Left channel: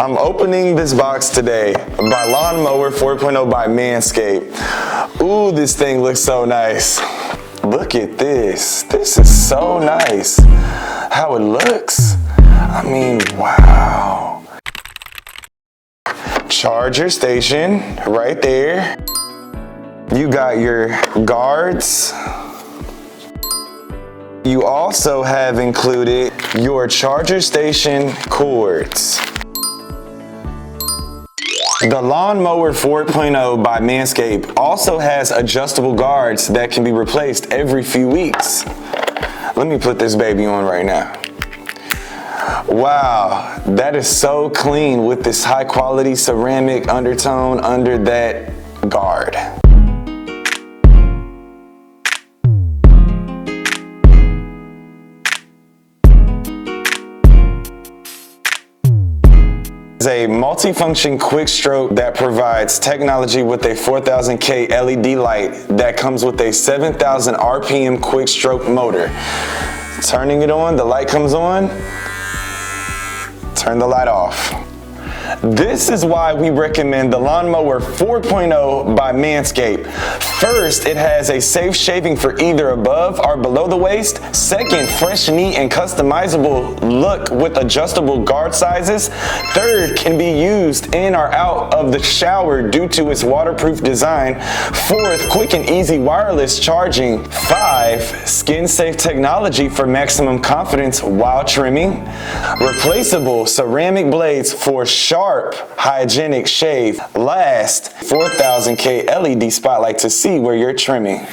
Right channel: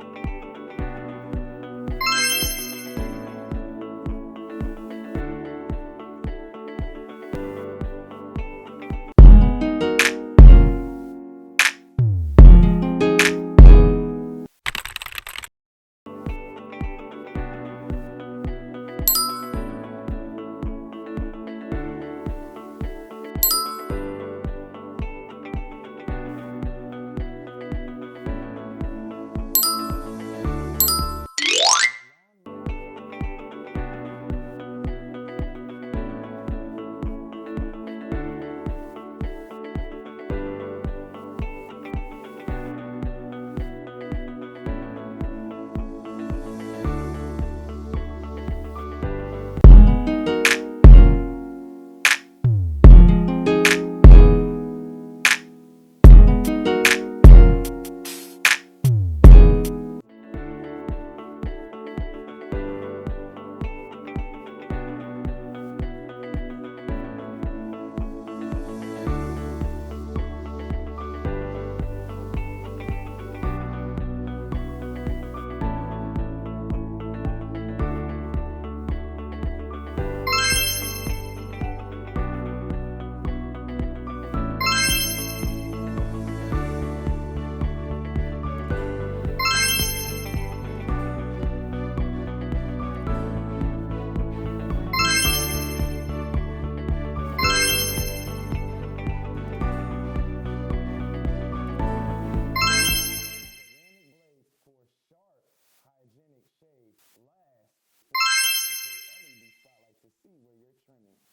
I'm opening this box today by Lawn Mower 4.0 by Manscaped. Ooh, this thing looks so nice. Look at this. This is so nice. How it looks. I mean, wow. Charger station right there. You got your guards. You also have included your charger station cords. The Lawn Mower 4.0 by Manscaped also has adjustable guards that can be replaced every few weeks. Let me put this baby on right now. Wow, that is so clean with this high quality ceramic undertone under that guard. It's a multi-function quick stroke that provides technology with a 4000K LED light that comes with a 7000 RPM quick stroke motor. Turning it on, the light comes on, turn the light off. This is why we recommend the Lawn Mower 4.0 by Manscaped. First, it has a safe shaving for either above or below the waist. Second, fresh, neat, and customizable look with adjustable guard sizes. Third, can be used in or out of the shower due to its waterproof design. Fourth, quick and easy wireless charging. 5, SkinSafe technology for maximum confidence while trimming. Replaceable ceramic blades for sharp, hygienic shave. Last, 4000K LED spotlight to see where you're trimming.